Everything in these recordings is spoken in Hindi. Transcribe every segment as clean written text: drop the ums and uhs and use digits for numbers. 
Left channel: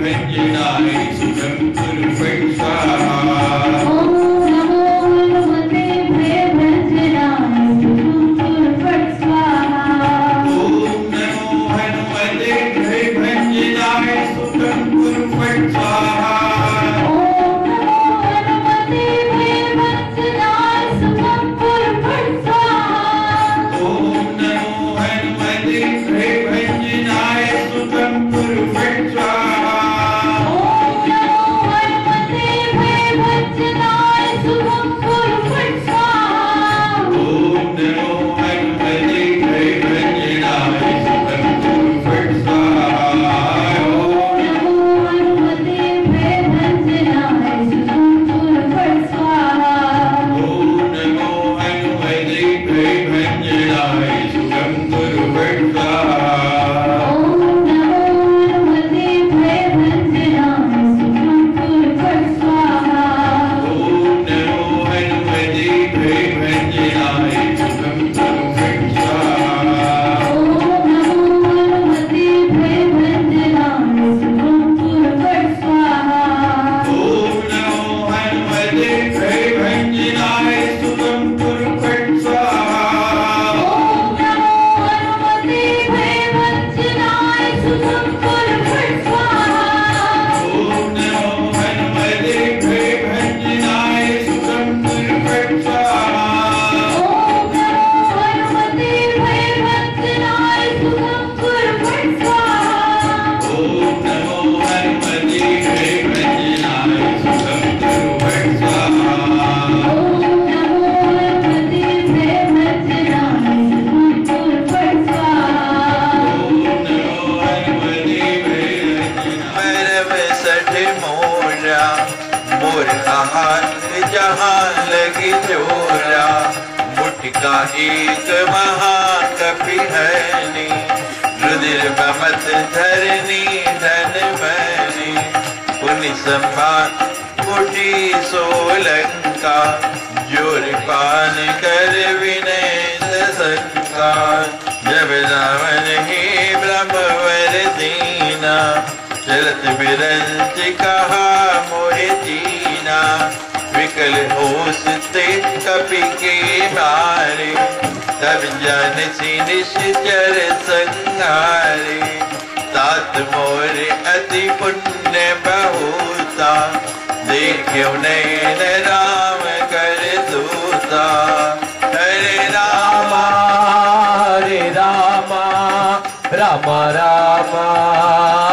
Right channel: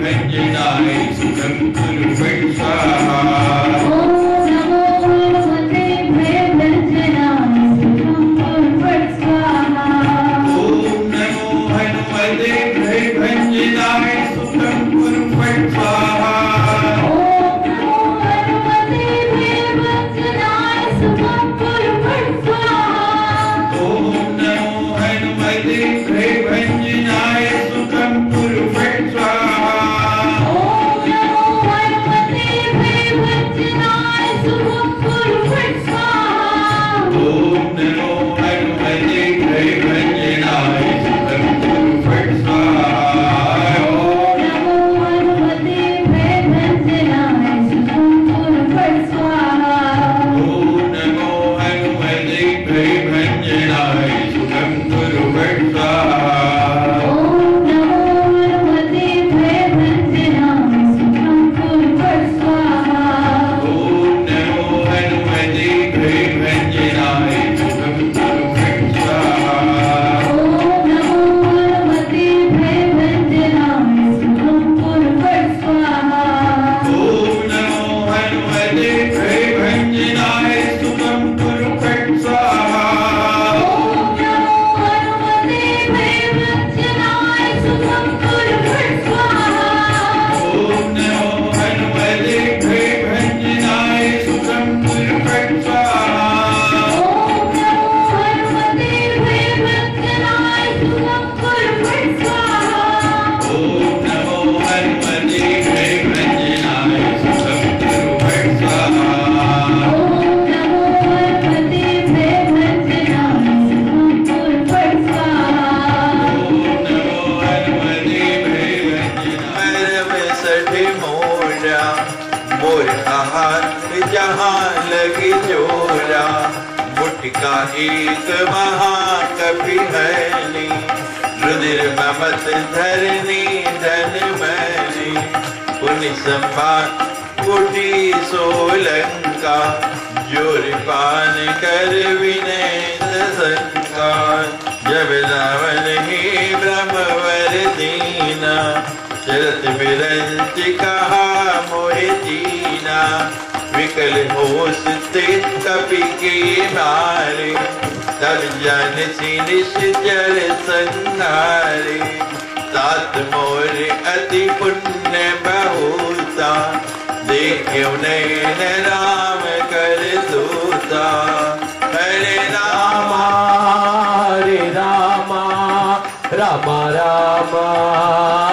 भंजनाय सुखं कुरु फट् स्वाहा। ओम नमो हनुमते भयभंजनाय सुखं कुरु फट् स्वाहा। ओम नमो हनुमते भयभंजनाय सुखं कुरु फट् स्वाहा। ओम नमो हनुमते भयभंजनाय सुखं कुरु फट् स्वाहा। ओम नमो हनुमते भयभंजनाय सुखं कुरु फट् स्वाहा। ओम नमो हनुमते भयभंजनाय सुखं कुरु फट् स्वाहा। ओम नमो हनुमते भयभंजनाय सुखं कुरु फट् स्वाहा। ओम नमो हनुमते भयभंजनाय सुखं कुरु फट् स्वाहा। ओम नमो हनुमते भयभंजनाय सुखं कुरु फट् स्वाहा। ओम नमो हनुमते भयभंजनाय सुखं कुरु फट् स्वाहा। ओम नमो हनुमते भयभंजनाय सुखं कुरु फट् स्वाहा। ओम नमो हनुमते भयभंजनाय सुखं कुरु फट् स्वाहा। ओम नमो हनुमते भयभंजनाय सुखं कुरु फट् स्वाहा। ओम नमो हनुमते भयभंजनाय सुखं कुरु फट् स्वाहा। ओम नमो हनुमते भयभंजनाय सुखं कुरु फट् स्वाहा। ओम नमो हनुमते भयभंजनाय सुखं कुरु फट् स्वाहा। ओम नमो हनुमते भयभंजनाय सुखं कुरु फट् स्वाहा। ओम नमो हनुमते भयभंजनाय सुखं कुरु फट् स्वाहा। ओम नमो हनुमते भयभंजनाय सठ मोरा मोर हाथ जहाँ लगी चोरा मुटका एक महाकपि हनी रुधिर बमत धरनी धन मनी पुनि संभान कुटी सोलंका जोर पान कर विनय संकार जब रावण ही ब्रह्मवर दीना चरत बिरंच कहा मोहि दीना विकल होश ते कपि के मारे तब जन सी निश्चर संहारे तात मोर अति पुण्य बहुता देखियो नैन राम कर दूता हरे रामा राम राम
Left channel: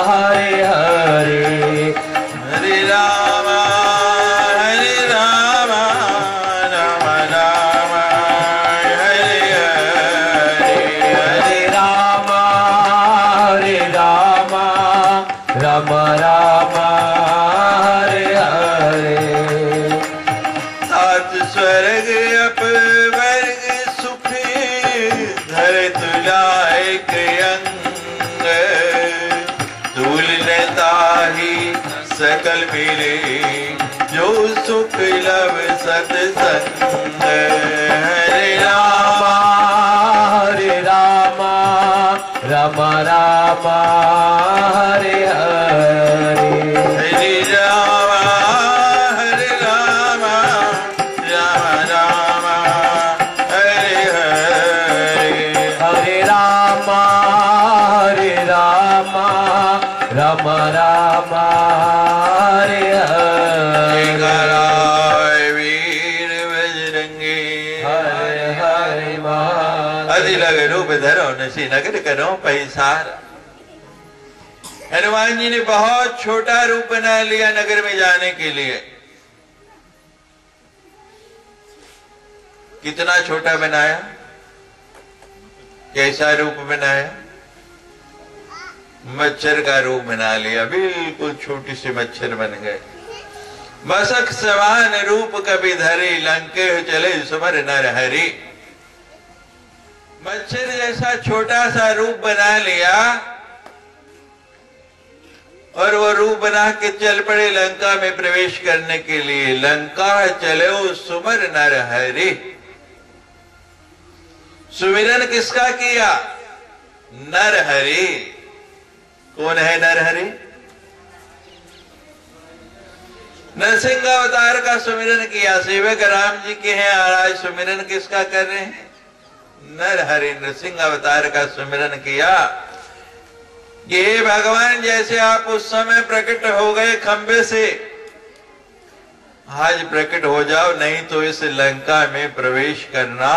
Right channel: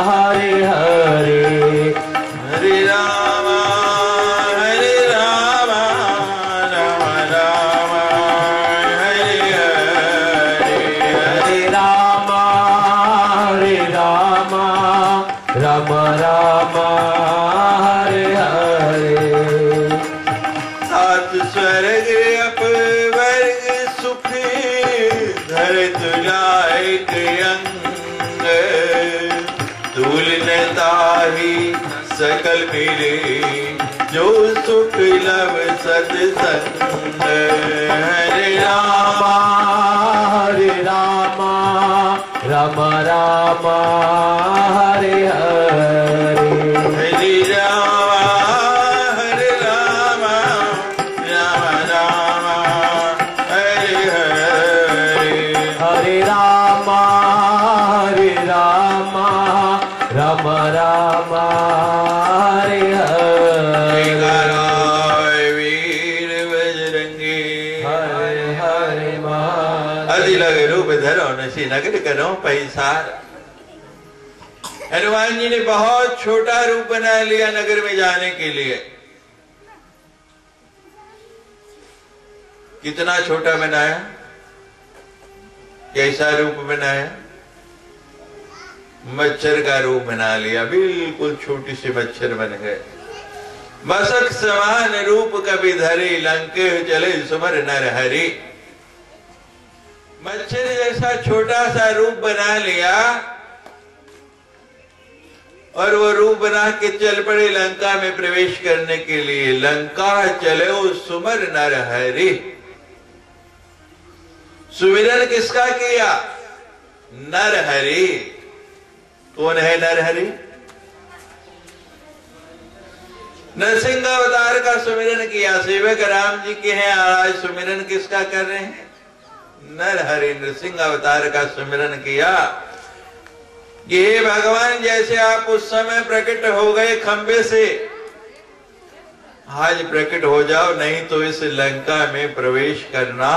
हरे हरे हरे राम राम राम हरे हरे हरे राम राम राम हरे हरे सात स्वर्ग अपवर्ग सुख धर तुलायक अंग तुल ताही सकल मिले जो सुख लव सत्संग हरे राम राम राम हरे हरे हरे राम राम राम हरे हरे हरे राम राम हरे हरे राय वीर बजरंगी हरे हरे अति लग रूप धरो नसी नगर करो पैसार। हनुमान जी ने बहुत छोटा रूप बना लिया नगर में जाने के लिए। कितना छोटा बनाया, कैसा रूप बनाया? मच्छर का रूप बना लिया, बिल्कुल छोटी सी मच्छर बन गए। मसक समान रूप कभी धरी लंके चले सुमर नर हरि। मच्छर जैसा छोटा सा रूप बना लिया और वो रूप बना के चल पड़े लंका में प्रवेश करने के लिए। लंका चले सुमर नर हरि। सुमिरन किसका किया? नर हरि। कौन है नर हरि? नरसिंह अवतार का सुमिरन किया, सेवक राम जी के हैं, आज सुमिरन किसका कर रहे हैं? नर हरि नरसिंह अवतार का सुमिरन किया कि हे भगवान, जैसे आप उस समय प्रकट हो गए खंबे से, आज प्रकट हो जाओ, नहीं तो इस लंका में प्रवेश करना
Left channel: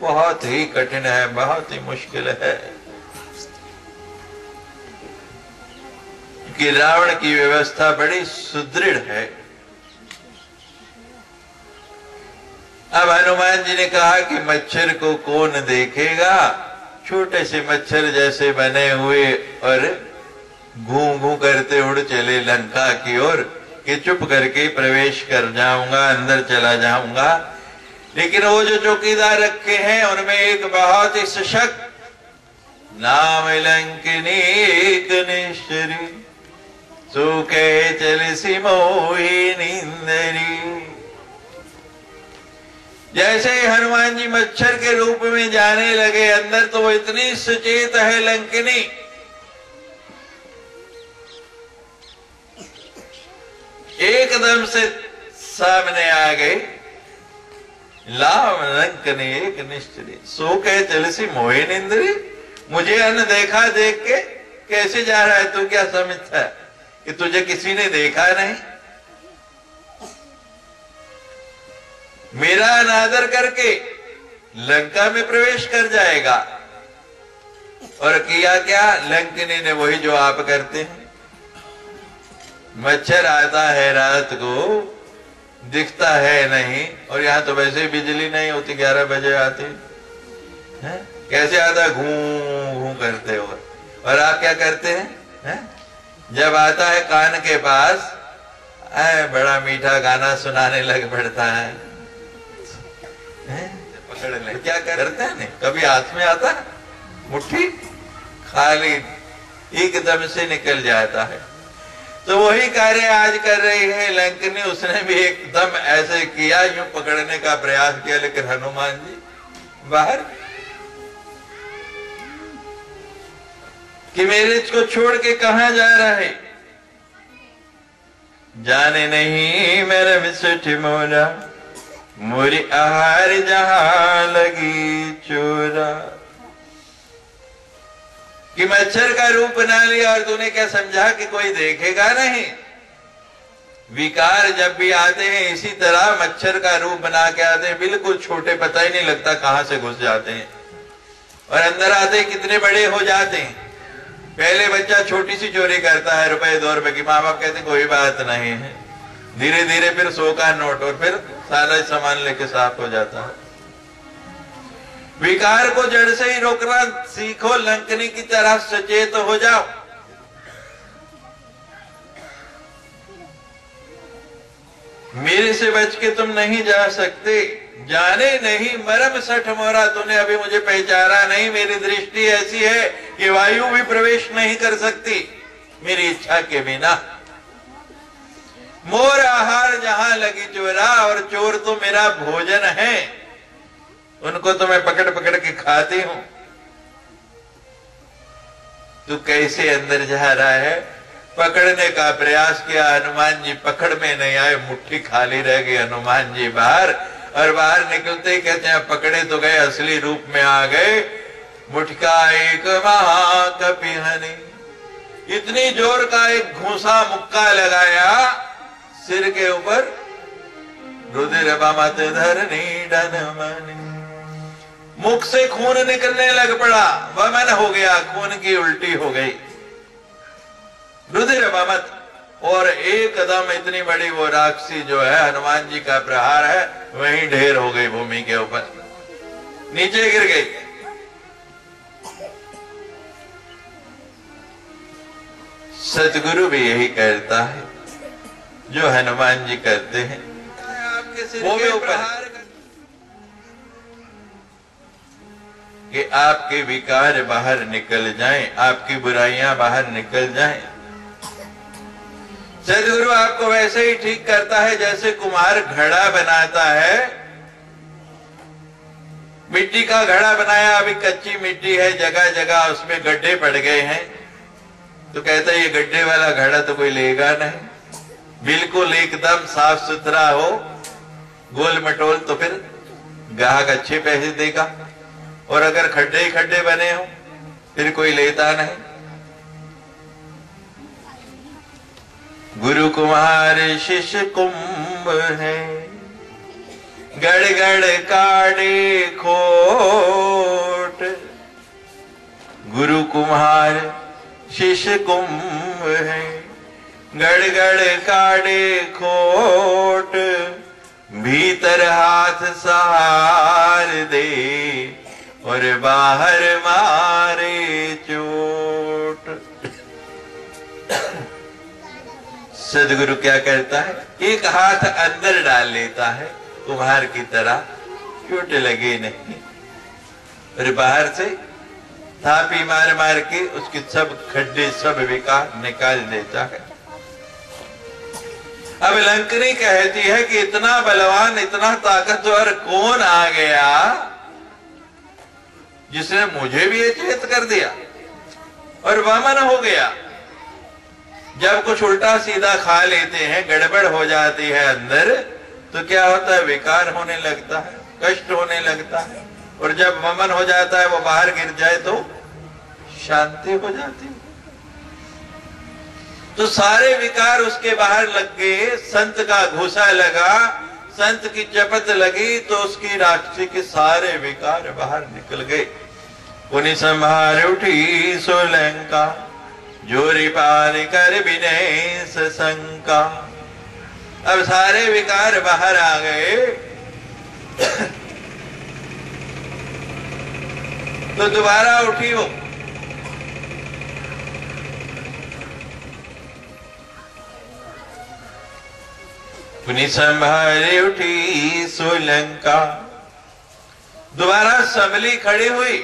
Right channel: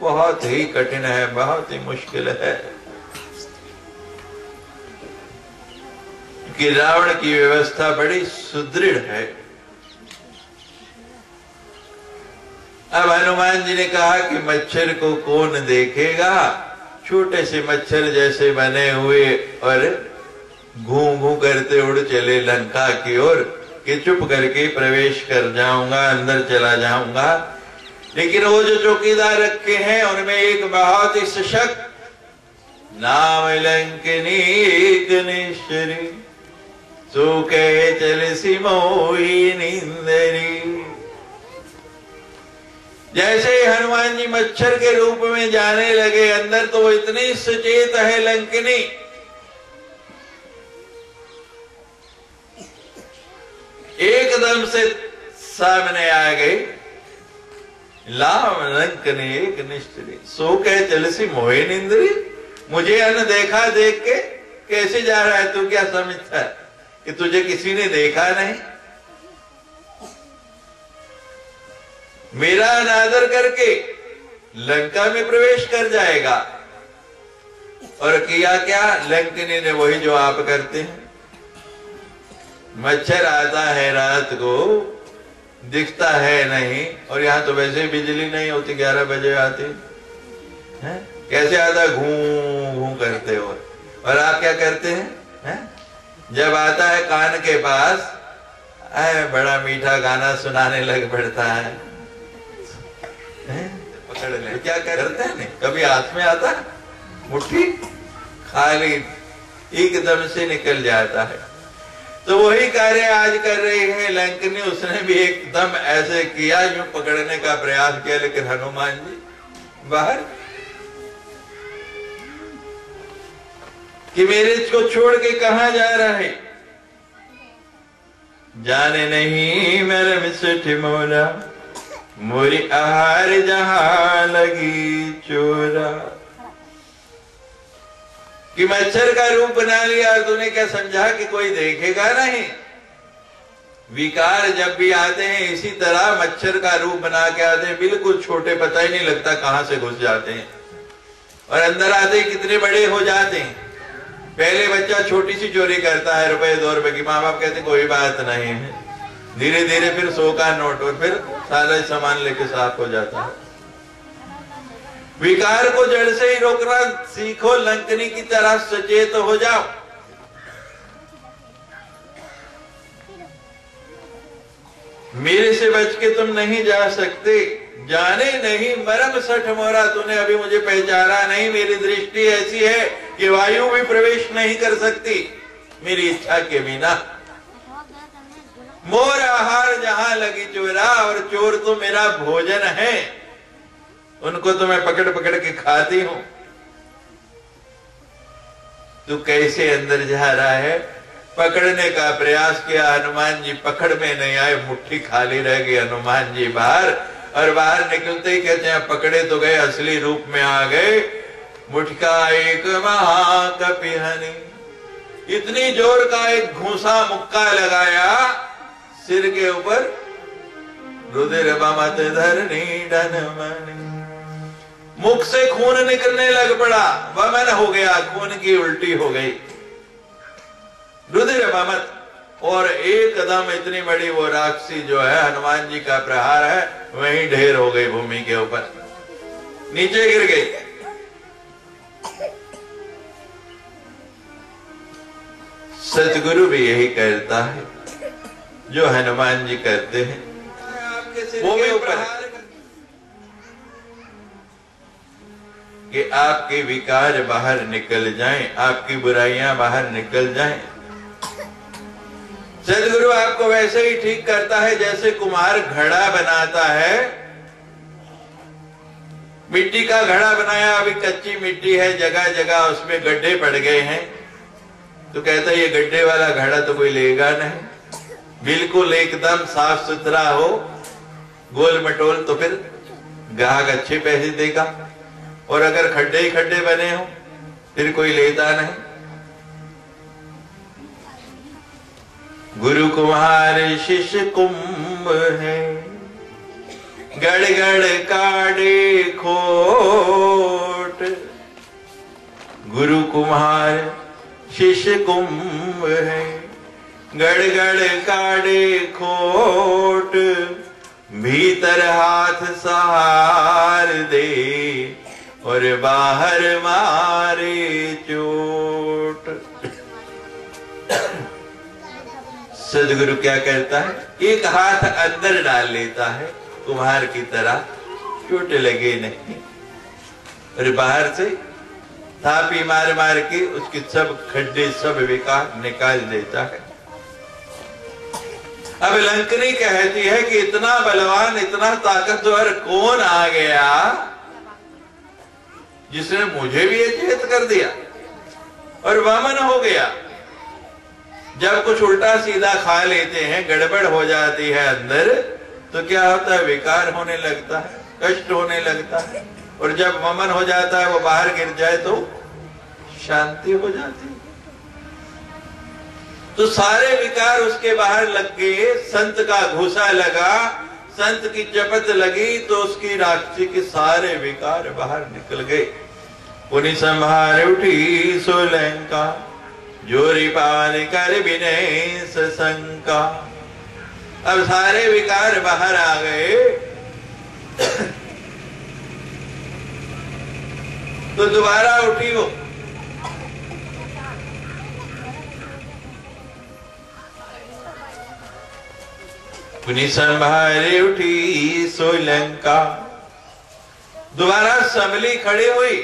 बहुत ही कठिन है, बहुत ही मुश्किल है। कि रावण की व्यवस्था बड़ी सुदृढ़ है। अब हनुमान जी ने कहा कि मच्छर को कौन देखेगा, छोटे से मच्छर जैसे बने हुए और घू घू करते उड़ चले लंका की ओर कि चुप करके प्रवेश कर जाऊंगा, अंदर चला जाऊंगा। लेकिन वो जो चौकीदार रखे हैं उनमें एक बहुत ही सशक्त, नाम लंकिनी एक निश्चरी, सो कह चल सिमोही निंदरी। जैसे ही हनुमान जी मच्छर के रूप में जाने लगे अंदर, तो वो इतनी सचेत है लंकिनी, एकदम से सामने आ गई। लाम लंकनी एक निश्चरी, सो कह चलसी मोहे निंदरी। मुझे अनदेखा देख के कैसे जा रहा है? तू क्या समझता है कि तुझे किसी ने देखा नहीं? मेरा अनादर करके लंका में प्रवेश कर जाएगा। और किया क्या? लंकिनी ने वही जो आप करते हैं। मच्छर आता है रात को, दिखता है नहीं, और यहां तो वैसे बिजली नहीं होती, 11 बजे आती है, कैसे आता? घूं घूं करते हो। और आप क्या करते हैं? जब आता है कान के पास, बड़ा मीठा गाना सुनाने लग पड़ता है, पकड़ ले। क्या करते हैं? कभी हाथ में आता, मुट्ठी खाली एकदम से निकल जाता है। तो वही कार्य आज कर रही है लंकिनी। उसने भी एकदम ऐसे किया, यूं पकड़ने का प्रयास किया, लेकिन हनुमान जी बाहर कि मेरे को छोड़ के कहां जा रहे? जाने नहीं मेरे मिसठ मोरा, मोरी आहार जहां लगी चोरा। कि मच्छर का रूप बना लिया और तूने क्या समझा कि कोई देखेगा नहीं? विकार जब भी आते हैं इसी तरह मच्छर का रूप बना के आते हैं, बिल्कुल छोटे, पता ही नहीं लगता कहां से घुस जाते हैं, और अंदर आते ही कितने बड़े हो जाते हैं। पहले बच्चा छोटी सी चोरी करता है, रुपए 2 रुपए की, माँ बाप कहते कोई बात नहीं है। धीरे धीरे फिर 100 का नोट, और फिर सारा सामान लेके साफ हो जाता है। विकार को जड़ से ही रोकना सीखो, लंकिनी की तरह सचेत हो जाओ। मेरे से बच के तुम नहीं जा सकते। जाने नहीं मरम सठ मोरा, तूने अभी मुझे पहचाना नहीं। मेरी दृष्टि ऐसी है कि वायु भी प्रवेश नहीं कर सकती मेरी इच्छा के बिना। मोर आहार जहां लगी चोरा, और चोर तो मेरा भोजन है, उनको तो मैं पकड़ पकड़ के खाती हूं। तू कैसे अंदर जा रहा है? पकड़ने का प्रयास किया, हनुमान जी पकड़ में नहीं आए, मुट्ठी खाली रह गई। हनुमान जी बाहर, और बाहर निकलते ही कहते हैं पकड़े तो गए, असली रूप में आ गए। मुठका एक महाकपिहनी, इतनी जोर का एक घूसा मुक्का लगाया सिर के ऊपर। रुधिर बमत धरनी डन मनी, मुख से खून निकलने लग पड़ा, वमन हो गया, खून की उल्टी हो गई। रुधिर बमत, और एकदम इतनी बड़ी वो राक्षसी जो है, हनुमान जी का प्रहार है, वहीं ढेर हो गई भूमि के ऊपर, नीचे गिर गई। सतगुरु भी यही करता है जो हनुमान जी करते हैं। आपके सिर के ऊपर कि आपके विकार बाहर निकल जाएं, आपकी बुराइयां बाहर निकल जाएं। सदगुरु आपको वैसे ही ठीक करता है जैसे कुम्हार घड़ा बनाता है। मिट्टी का घड़ा बनाया, अभी कच्ची मिट्टी है, जगह जगह उसमें गड्ढे पड़ गए हैं, तो कहता है ये गड्ढे वाला घड़ा तो कोई लेगा नहीं, बिल्कुल एकदम साफ सुथरा हो, गोल मटोल, तो फिर ग्राहक अच्छे पैसे देगा। और अगर खड्डे ही खड्डे बने हो फिर कोई लेता नहीं। गुरु कुमार शिष्य कुंभ है, गड़ गड़ काटे खोट। गुरु कुम्हार शिष्य कुंभ है, गड़ गड़ काटे खोट। भीतर हाथ सहार दे और बाहर मारे चोट। सदगुरु क्या कहता है? एक हाथ अंदर डाल लेता है कुम्हार की तरह, चोट लगे नहीं, और बाहर से थापी मार मार के उसके सब खड्डे सब विकार निकाल देता है। अब लंकनी कहती है कि इतना बलवान इतना ताकतवर कौन आ गया जिसने मुझे भी अचेत कर दिया और वामन हो गया। जब कुछ उल्टा सीधा खा लेते हैं, गड़बड़ हो जाती है अंदर, तो क्या होता है? विकार होने लगता है, कष्ट होने लगता है, और जब वमन हो जाता है, वो बाहर गिर जाए तो शांति हो जाती है। तो सारे विकार उसके बाहर लग गए, संत का घूसा लगा, संत की चपत लगी, तो उसकी राक्षसी के सारे विकार बाहर निकल गए। पुनि संहार उठी सोलंका, जोरी पार कर विनय सशंका। अब सारे विकार बाहर आ गए। तो दोबारा उठी वो। पुनि संभारे उठी सोलंका, दोबारा संभली खड़ी हुई।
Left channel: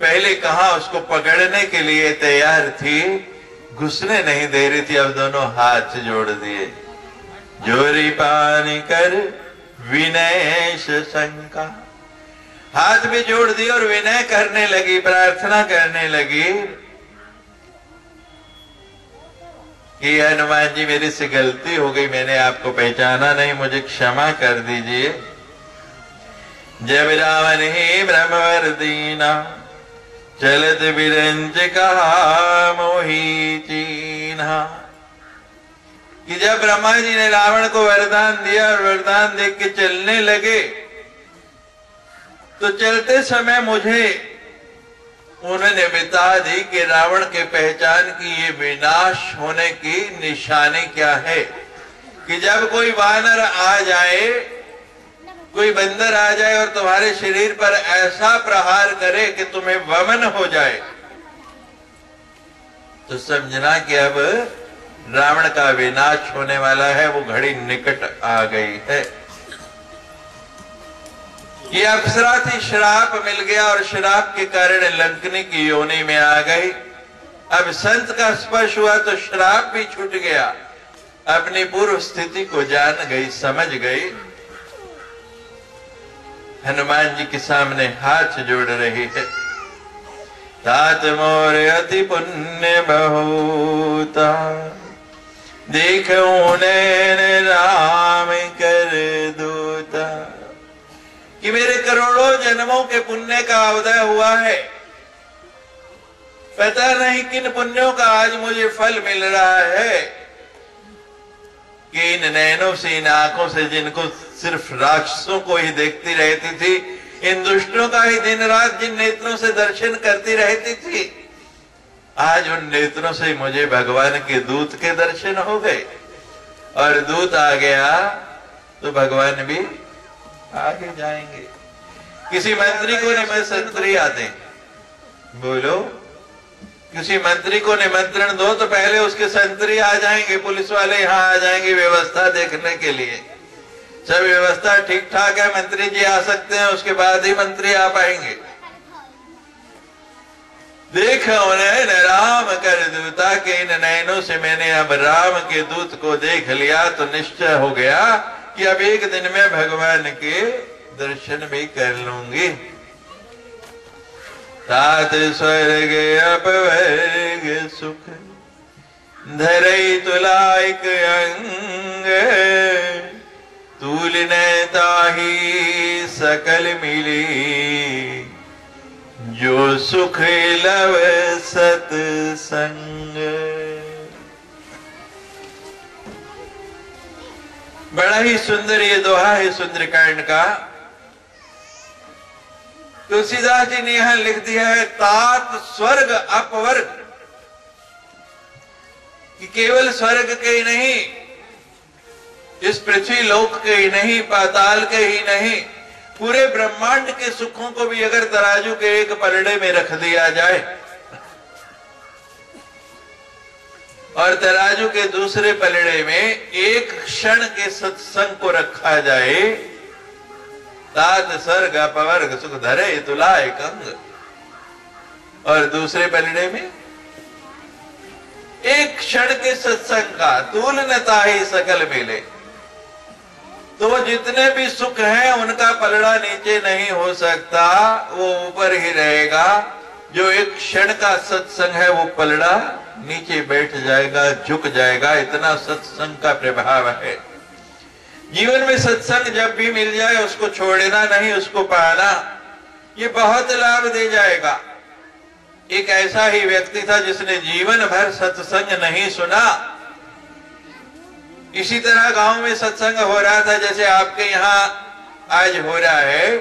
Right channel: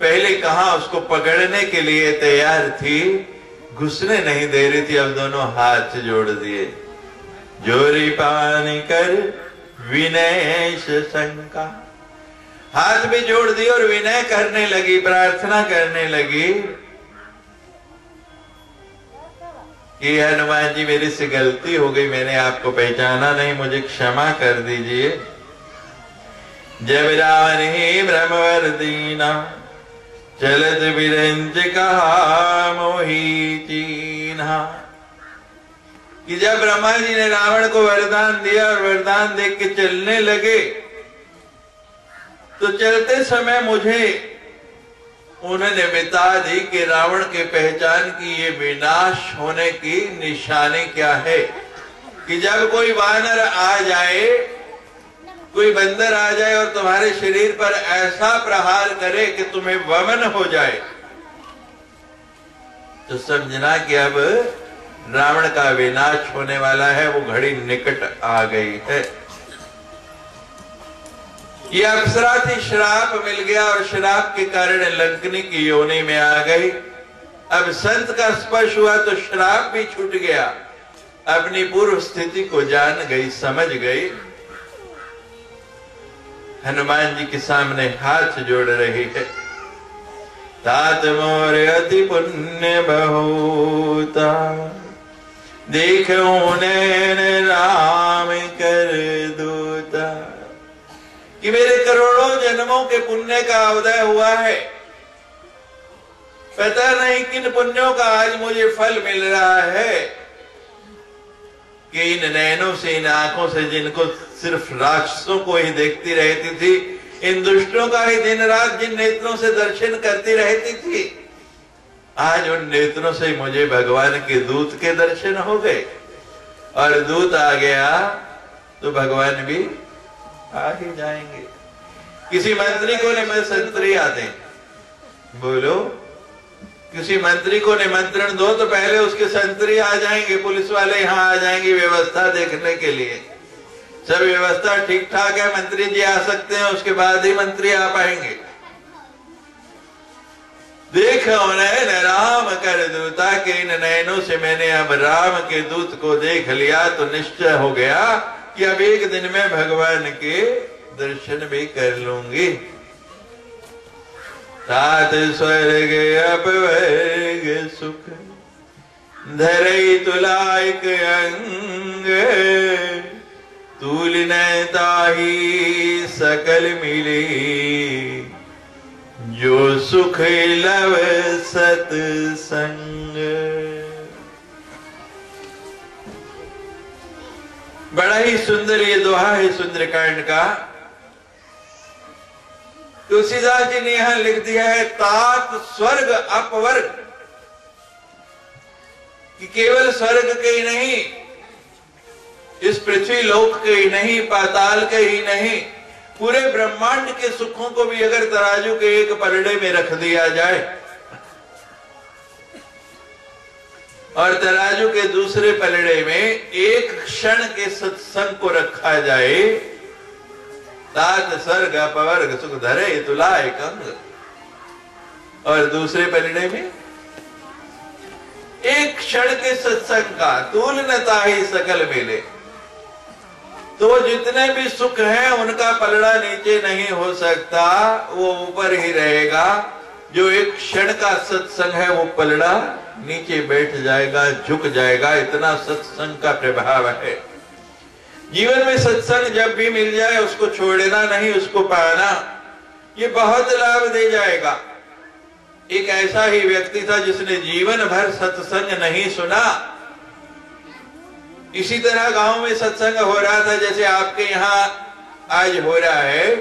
पहले कहा उसको पकड़ने के लिए तैयार थी, घुसने नहीं दे रही थी, अब दोनों हाथ जोड़ दिए। जोरी पानी कर विनय शंका, हाथ भी जोड़ दिए और विनय करने लगी, प्रार्थना करने लगी कि हनुमान जी मेरे से गलती हो गई, मैंने आपको पहचाना नहीं, मुझे क्षमा कर दीजिए। जब रावण ही ब्रह्मवर दीना, चलत विरंज कहा मोही चीन्हा। कि जब ब्रह्मा जी ने रावण को वरदान दिया और वरदान देख के चलने लगे, तो चलते समय मुझे उन्होंने बता दी कि रावण के पहचान की ये विनाश होने की निशानी क्या है। कि जब कोई वानर आ जाए, कोई बंदर आ जाए और तुम्हारे शरीर पर ऐसा प्रहार करे कि तुम्हें वमन हो जाए, तो समझना कि अब रावण का विनाश होने वाला है, वो घड़ी निकट आ गई है। ये अप्सरा थी, श्राप मिल गया और श्राप के कारण लंकनी की योनि में आ गई। अब संत का स्पर्श हुआ तो श्राप भी छूट गया, अपनी पूर्व स्थिति को जान गई, समझ गई। हनुमान जी के सामने हाथ जोड़ रही है। तात मोर अति पुण्य बहुता, देखूं नैन राम कर दूता। कि मेरे करोड़ों जन्मों के पुण्य का उदय हुआ है, पता नहीं किन पुण्यों का आज मुझे फल मिल रहा है कि इन नैनों से, इन आंखों से, जिनको सिर्फ राक्षसों को ही देखती रहती थी, इन दुष्टों का ही दिन रात जिन नेत्रों से दर्शन करती रहती थी, आज उन नेत्रों से मुझे भगवान के दूत के दर्शन हो गए। और दूत आ गया तो भगवान भी आगे जाएंगे। किसी मंत्री को निमंत्री आते, बोलो, किसी मंत्री को निमंत्रण दो तो पहले उसके संतरी आ जाएंगे, पुलिस वाले यहाँ आ जाएंगे व्यवस्था देखने के लिए। सब व्यवस्था ठीक ठाक है, मंत्री जी आ सकते हैं, उसके बाद ही मंत्री आ पाएंगे। देखो नैन राम कर दूता, के इन नैनों से मैंने अब राम के दूत को देख लिया तो निश्चय हो गया कि अब एक दिन में भगवान के दर्शन भी कर लूंगी। तात स्वर्ग अपवर्ग सुख, धरई तुलाइक अंग तूलिन ताही सकल मिली जो सुख लव सत्संग। बड़ा ही सुंदर ये दोहा है सुंदरकांड का। तुलसीदास जी ने यहां लिख दिया है तात स्वर्ग अपवर्ग, कि केवल स्वर्ग के ही नहीं, इस पृथ्वी लोक के ही नहीं, पाताल के ही नहीं, पूरे ब्रह्मांड के सुखों को भी अगर तराजू के एक पलड़े में रख दिया जाए और तराजू के दूसरे पलड़े में एक क्षण के सत्संग को रखा जाए, तात स्वर्ग अपवर्ग सुख धरे तुलाए कंग, और दूसरे पलड़े में एक क्षण के सत्संग का तूल न ताही सकल मिले, तो जितने भी सुख हैं उनका पलड़ा नीचे नहीं हो सकता, वो ऊपर ही रहेगा। जो एक क्षण का सत्संग है वो पलड़ा नीचे बैठ जाएगा, झुक जाएगा। इतना सत्संग का प्रभाव है। जीवन में सत्संग जब भी मिल जाए उसको छोड़ना नहीं, उसको पाना, ये बहुत लाभ दे जाएगा। एक ऐसा ही व्यक्ति था जिसने जीवन भर सत्संग नहीं सुना। इसी तरह गांव में सत्संग हो रहा था जैसे आपके यहाँ आज हो रहा है,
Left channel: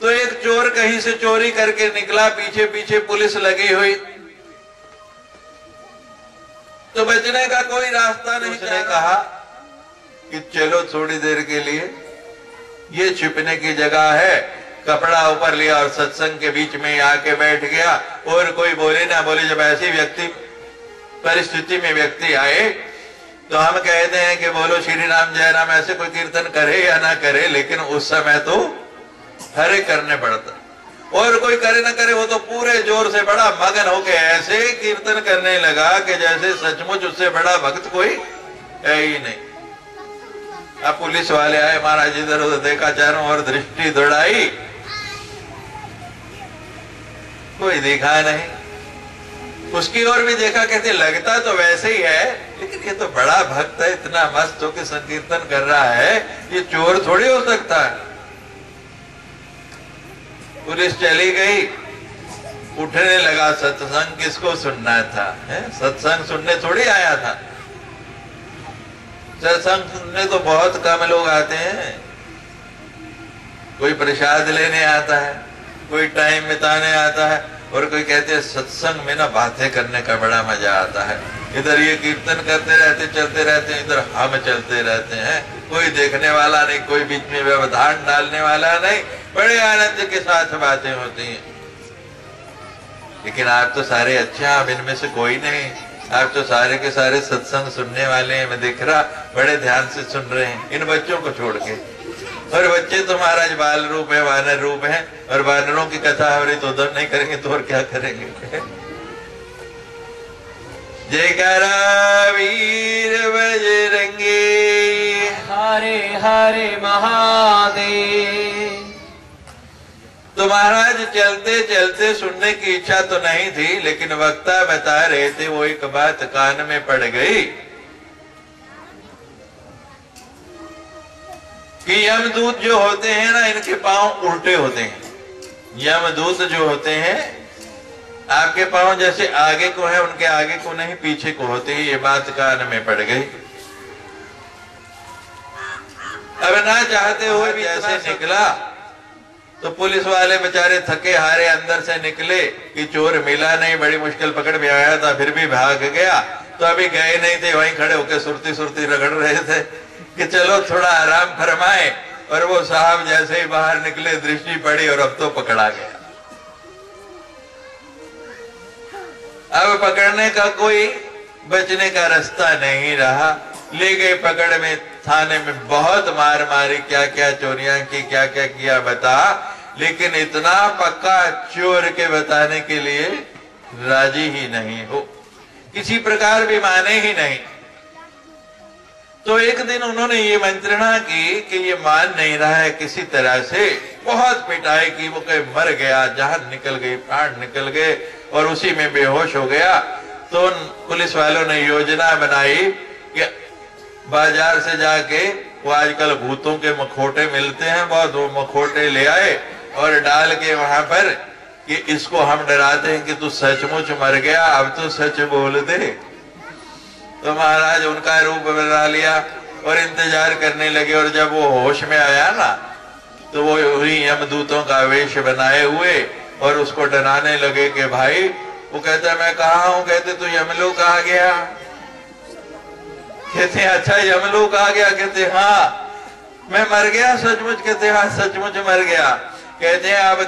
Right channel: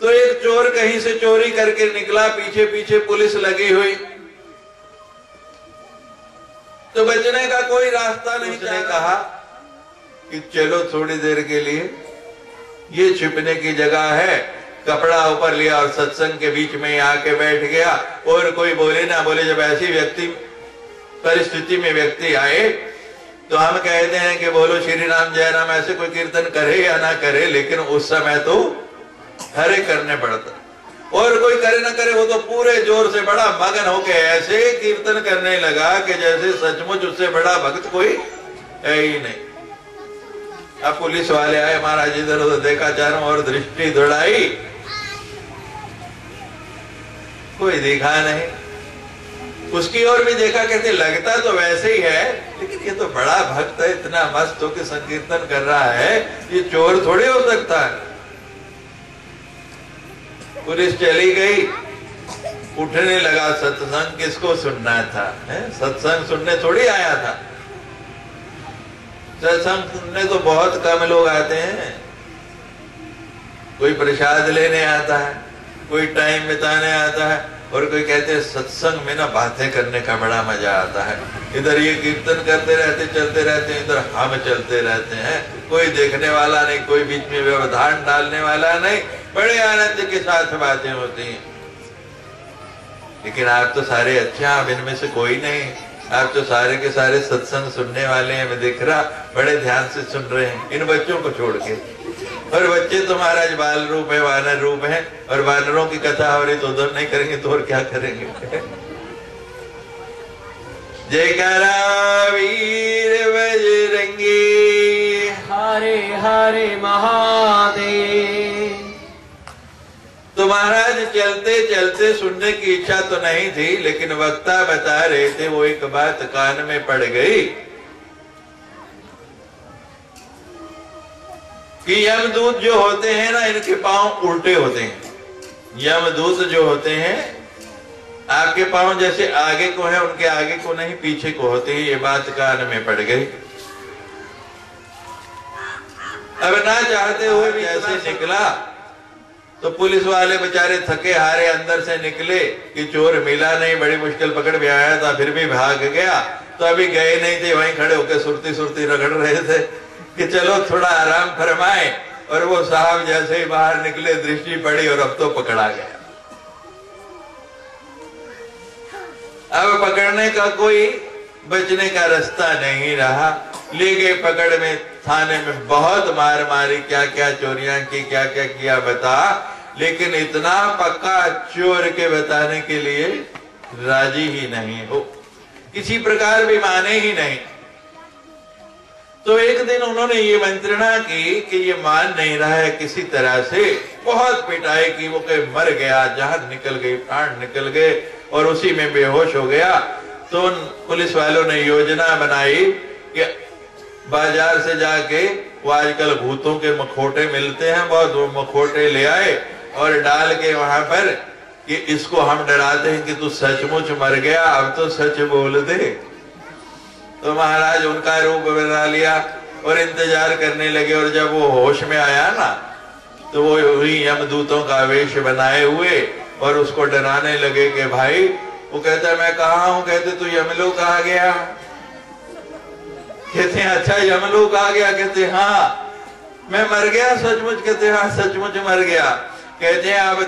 तो एक चोर कहीं से चोरी करके निकला, पीछे पीछे पुलिस लगी हुई, तो बचने का कोई रास्ता नहीं। उसने कहा कि चलो थोड़ी देर के लिए ये छिपने की जगह है, कपड़ा ऊपर लिया और सत्संग के बीच में आके बैठ गया, और कोई बोले ना बोले। जब ऐसी व्यक्ति परिस्थिति में व्यक्ति आए तो हम कहते हैं कि बोलो श्री राम जय राम, ऐसे कोई कीर्तन करे या ना करे, लेकिन उस समय तो हरे करने पड़ता। और कोई करे ना करे, वो तो पूरे जोर से बड़ा मगन होके ऐसे कीर्तन करने लगा कि जैसे सचमुच उससे बड़ा भक्त कोई है ही नहीं। अब पुलिस वाले आए, महाराज इधर उधर देखा, चारों ओर दृष्टि दौड़ाई, कोई देखा नहीं। उसकी ओर भी देखा, कहते लगता तो वैसे ही है, लेकिन ये तो बड़ा भक्त है, इतना मस्त होकर संकीर्तन कर रहा है, ये चोर थोड़ी हो सकता है। पुलिस चली गई, उठने लगा। सत्संग किसको सुनना था? सत्संग सुनने थोड़ी आया था। सत्संग सुनने तो बहुत कम लोग आते हैं। कोई प्रसाद लेने आता है, कोई टाइम बिताने आता है, और कोई कहते हैं सत्संग में ना बातें करने का बड़ा मजा आता है। इधर ये कीर्तन करते रहते, चलते रहते हैं, इधर हम चलते रहते हैं, कोई देखने वाला नहीं, कोई बीच में व्यवधान डालने वाला नहीं, बड़े आनंद के साथ बातें होती हैं। लेकिन आप तो सारे अच्छे हैं, आप इनमें से कोई नहीं, आप तो सारे के सारे सत्संग सुनने वाले हैं। मैं दिख रहा, बड़े ध्यान से सुन रहे हैं इन बच्चों को छोड़ के। और बच्चे तो महाराज बाल रूप है, वानर रूप है, और वानरों की कथा हो रही तो उधर नहीं करेंगे तो और क्या करेंगे? जयकारा वीर बजरंगी, हरे हरे महादेव। तो महाराज चलते चलते सुनने की इच्छा तो नहीं थी, लेकिन वक्ता बता रहे थे, वो एक बात कान में पड़ गई कि यमदूत जो होते हैं ना, इनके पांव उल्टे होते हैं। यमदूत जो होते हैं, आपके पांव जैसे आगे को है, उनके आगे को नहीं, पीछे को होते हैं। ये बात कान में पड़ गई। अब ना चाहते हुए भी ऐसे निकला तो पुलिस वाले बेचारे थके हारे अंदर से निकले कि चोर मिला नहीं, बड़ी मुश्किल पकड़ में आया था, फिर भी भाग गया। तो अभी गए नहीं थे, वहीं खड़े होकर सुरती सुरती रगड़ रहे थे कि चलो थोड़ा आराम फरमाए। और वो साहब जैसे ही बाहर निकले, दृष्टि पड़ी और अब तो पकड़ा गया। अब पकड़ने का कोई बचने का रास्ता नहीं रहा। ले गए पकड़ में, थाने में बहुत मार मारी, क्या क्या चोरियां की, क्या क्या किया बता, लेकिन इतना पक्का चोर के बताने के लिए राजी ही नहीं हो, किसी प्रकार भी माने ही नहीं। तो एक दिन उन्होंने ये मंत्रणा की कि ये मान नहीं रहा है, किसी तरह से बहुत पिटाई की, वो कहीं मर गया, जान निकल गई, प्राण निकल गए और उसी में बेहोश हो गया। तो उन पुलिस वालों ने योजना बनाई कि बाजार से जाके, वो आजकल भूतों के मखोटे मिलते हैं बहुत, वो मखोटे ले आए और डाल के वहां पर कि इसको हम डराते हैं कि तू सचमुच मर गया, अब तो सच बोल दे। तो महाराज उनका रूप बना लिया और इंतजार करने लगे। और जब वो होश में आया ना, तो वो वही यमदूतों का वेश बनाए हुए और उसको डराने लगे कि भाई, वो कहता मैं कहा हूं, कहते तू यमलोक आ गया। कहते अच्छा यमलोक आ गया, कहते हाँ मैं मर गया सचमुच, कहते हाँ सचमुच मर गया। कहते हैं अब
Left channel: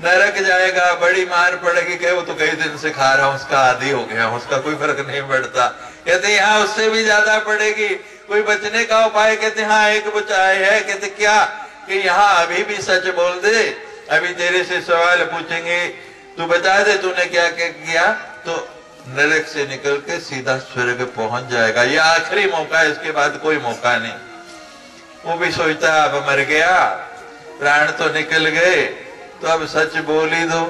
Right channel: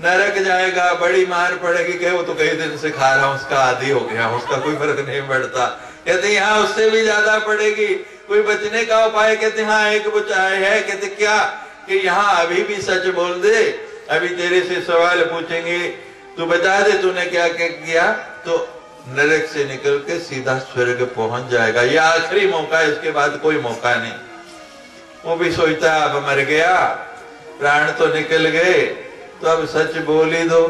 नरक जाएगा, बड़ी मार पड़ेगी। कहे वो तो कई दिन से खा रहा हूं, उसका आदी हो गया, उसका कोई फर्क नहीं पड़ता। कहते यहाँ उससे भी ज्यादा पड़ेगी, कोई बचने का उपाय? कहते हाँ एक उपाय है। कहते क्या? कि यहाँ अभी भी सच बोल दे, अभी तेरे से सवाल पूछेंगे, तू बता दे तूने क्या क्या किया, तो नरक से निकल के सीधा स्वर्ग पहुंच जाएगा। यह आखिरी मौका, इसके बाद कोई मौका नहीं। वो भी सोचता है अब मर गया, प्राण तो निकल गए, तो अब सच बोल ही दो,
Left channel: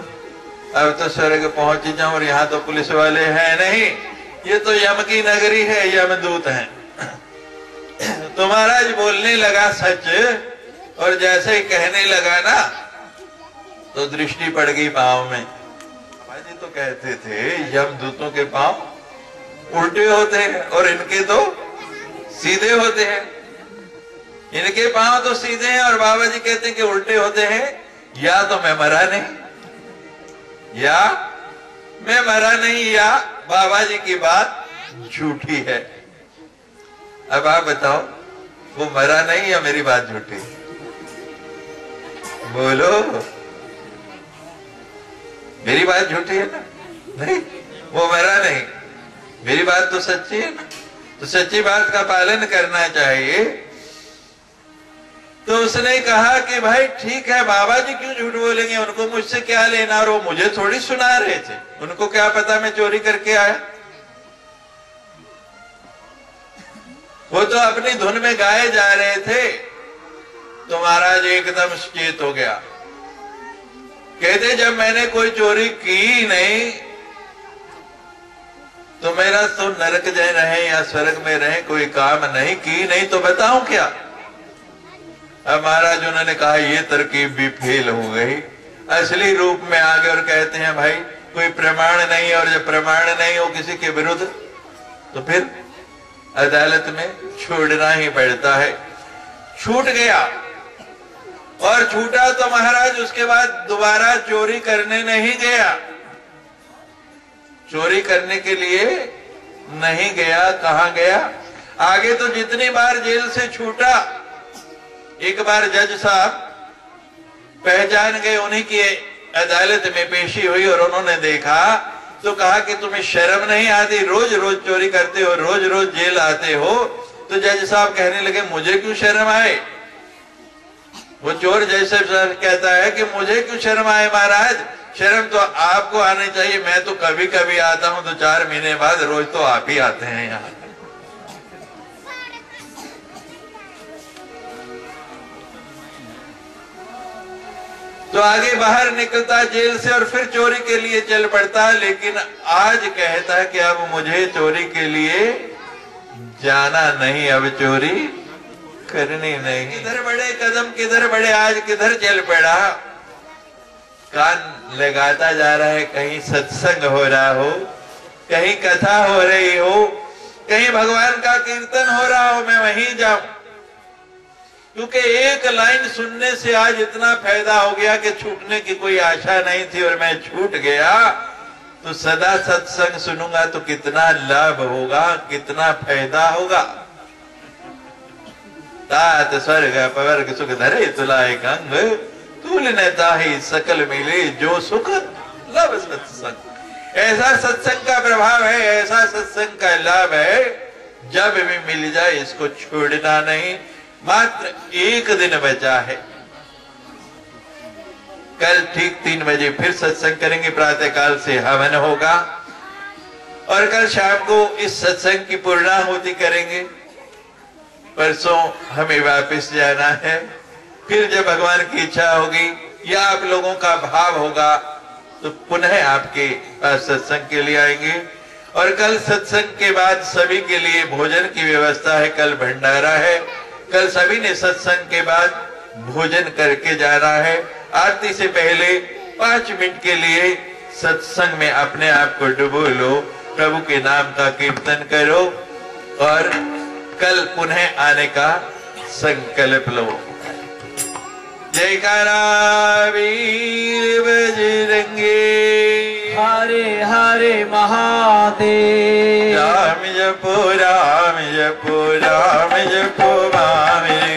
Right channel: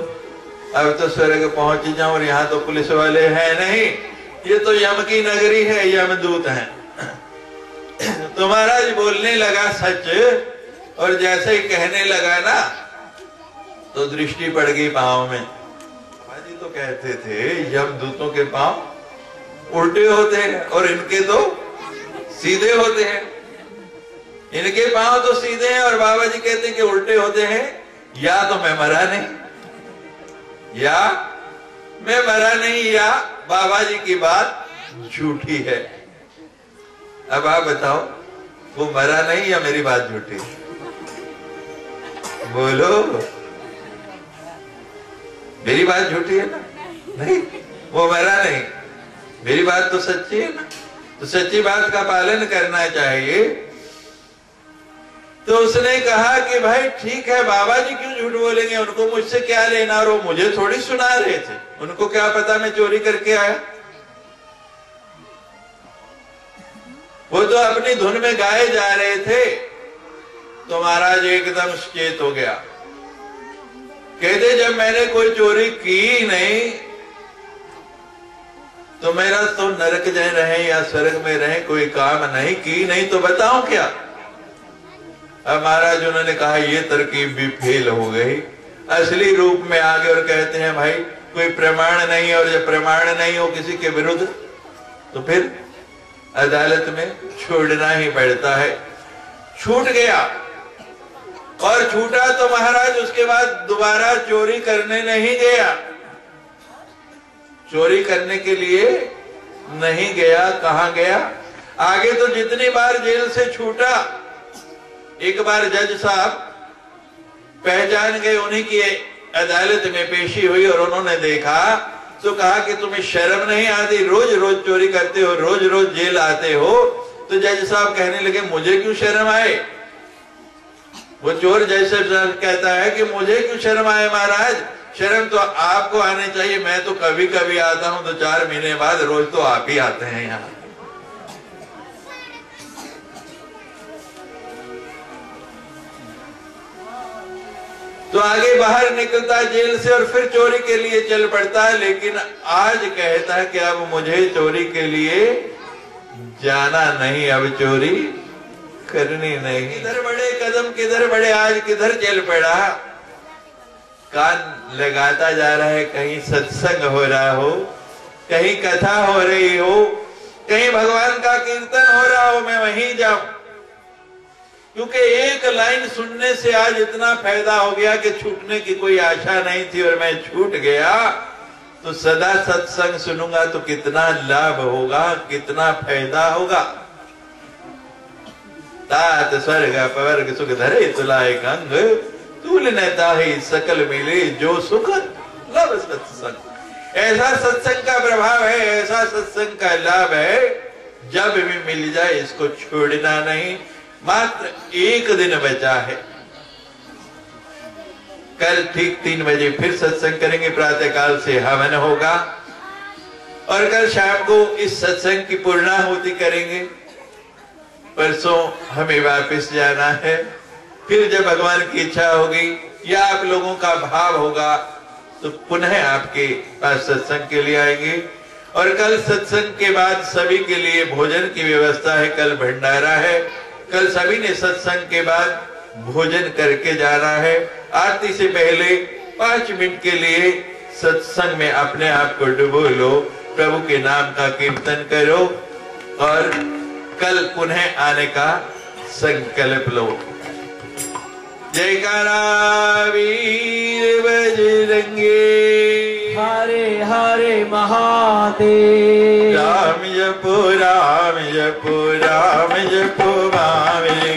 अब तो स्वर्ग पहुंच ही जाऊं। और यहाँ तो पुलिस वाले हैं नहीं, ये तो यम की नगरी है, यमदूत हैं। तो महाराज बोलने लगा सच, और जैसे ही कहने लगा ना, तो दृष्टि पड़ गई पांव में। बाबाजी तो कहते थे यमदूतों के पांव उल्टे होते हैं और इनके तो सीधे होते हैं। इनके पांव तो सीधे हैं और बाबा जी कहते हैं कि उल्टे होते हैं। या तो मैं मरा नहीं, या मैं मरा नहीं, या बाबा जी की बात झूठी है। अब आप बताओ, वो मरा नहीं या मेरी बात झूठी? बोलो, मेरी बात झूठी है ना? नहीं, वो मरा नहीं, मेरी बात तो सच्ची है ना? तो सच्ची बात का पालन करना चाहिए। तो उसने कहा कि भाई ठीक है, बाबा जी क्यों झूठ बोलेंगे, उनको मुझसे क्या लेना, और वो मुझे थोड़ी सुना रहे थे, उनको क्या पता मैं चोरी करके आया। वो तो अपनी धुन में गाए जा रहे थे। तो महाराज एकदम सचेत हो गया। कहते जब मैंने कोई चोरी की नहीं, तो मेरा तो नरक में रहे या स्वर्ग में रहे, कोई काम नहीं की नहीं, तो बताऊं क्या? अब महाराज उन्होंने कहा ये तरकीब भी फेल हो गई, असली रूप में आ गए और कहते हैं भाई कोई प्रमाण नहीं, और जब प्रमाण नहीं हो किसी के विरुद्ध, तो फिर अदालत में छोड़ना ही पड़ता है। छूट गया, और छूटा तो महाराज उसके बाद दोबारा चोरी करने नहीं गया। चोरी करने के लिए नहीं गया। कहां गया? आगे तो जितनी बार जेल से छूटा, एक बार जज साहब पहचान गए, उन्हीं की अदालत में पेशी हुई और उन्होंने देखा तो कहा कि तुम्हें शर्म नहीं आती, रोज रोज चोरी करते हो, रोज रोज जेल आते हो। तो जज साहब कहने लगे मुझे क्यों शर्म आए? वो चोर जैसे कहता है कि मुझे क्यों शर्म आए महाराज, शर्म तो आपको आनी चाहिए, मैं तो कभी कभी आता हूं, तो 4 महीने बाद, रोज तो आप ही आते हैं यहाँ। तो आगे बाहर निकलता जेल से और फिर चोरी के लिए चल पड़ता है। लेकिन आज कहता है कि अब मुझे चोरी के लिए जाना नहीं, अब चोरी करनी नहीं। किधर बड़े कदम, किधर बड़े, आज किधर चल पड़ा। कान लगाता जा रहा है, कहीं सत्संग हो रहा हो, कहीं कथा हो रही हो, कहीं भगवान का कीर्तन हो रहा हो, मैं वहीं जाऊं। क्योंकि एक लाइन सुनने से आज इतना फायदा हो गया कि छूटने की कोई आशा नहीं थी और मैं छूट गया। तो सदा सत्संग सुनूंगा तो कितना लाभ होगा, कितना फायदा होगा। तात स्वर्ग पवर्ग सुख धरे तुलाए कंग, तूल ने ताही सकल मिले जो सुख लव सत्संग। ऐसा सत्संग का प्रभाव है, ऐसा सत्संग का लाभ है, जब भी मिल जाए इसको छोड़ना नहीं। मात्र एक दिन बचा है। कल ठीक 3 बजे फिर सत्संग करेंगे, प्रातःकाल से हवन होगा, और कल शाम को इस सत्संग की पूर्णाहुति करेंगे। परसों हमें वापस जाना है। फिर जब भगवान की इच्छा होगी या आप लोगों का भाव होगा, तो पुनः आपके पास सत्संग के लिए आएंगे। और कल सत्संग के बाद सभी के लिए भोजन की व्यवस्था है। कल भंडारा है। कल सभी ने सत्संग के बाद भोजन करके जाना है। आरती से पहले 5 मिनट के लिए सत्संग में अपने आप को डुबो लो, प्रभु के नाम का कीर्तन करो और कल पुनः आने का संकल्प लो। जयकारा वीर बजरंगे, हरे हरे महादेव। राम जपो राम जपो राम जपो बावरे,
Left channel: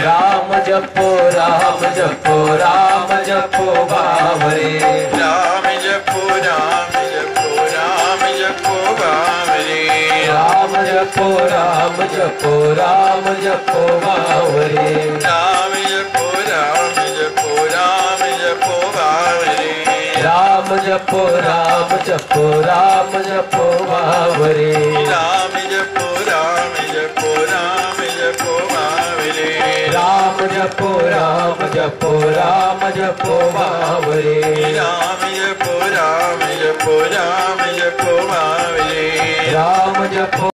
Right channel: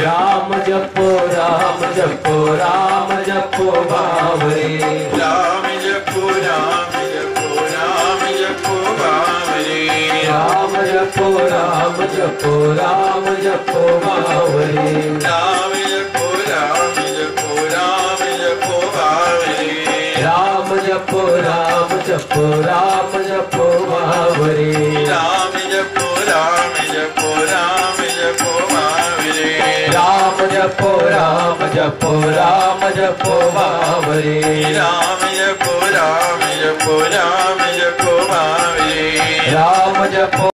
राम जपो राम जपो राम जपो बावरे, राम जपो राम जपो राम जपो बावरे, राम जपो राम जपो राम जपो बावरे, राम जपो राम जपो राम जपो बावरे, राम जपो राम जपो राम जपो बावरे, राम जपो राम जपो राम जपो बावरे, राम जपो राम जपो राम जपो बावरे, राम जपो राम जपो राम जपो बावरे, राम जपो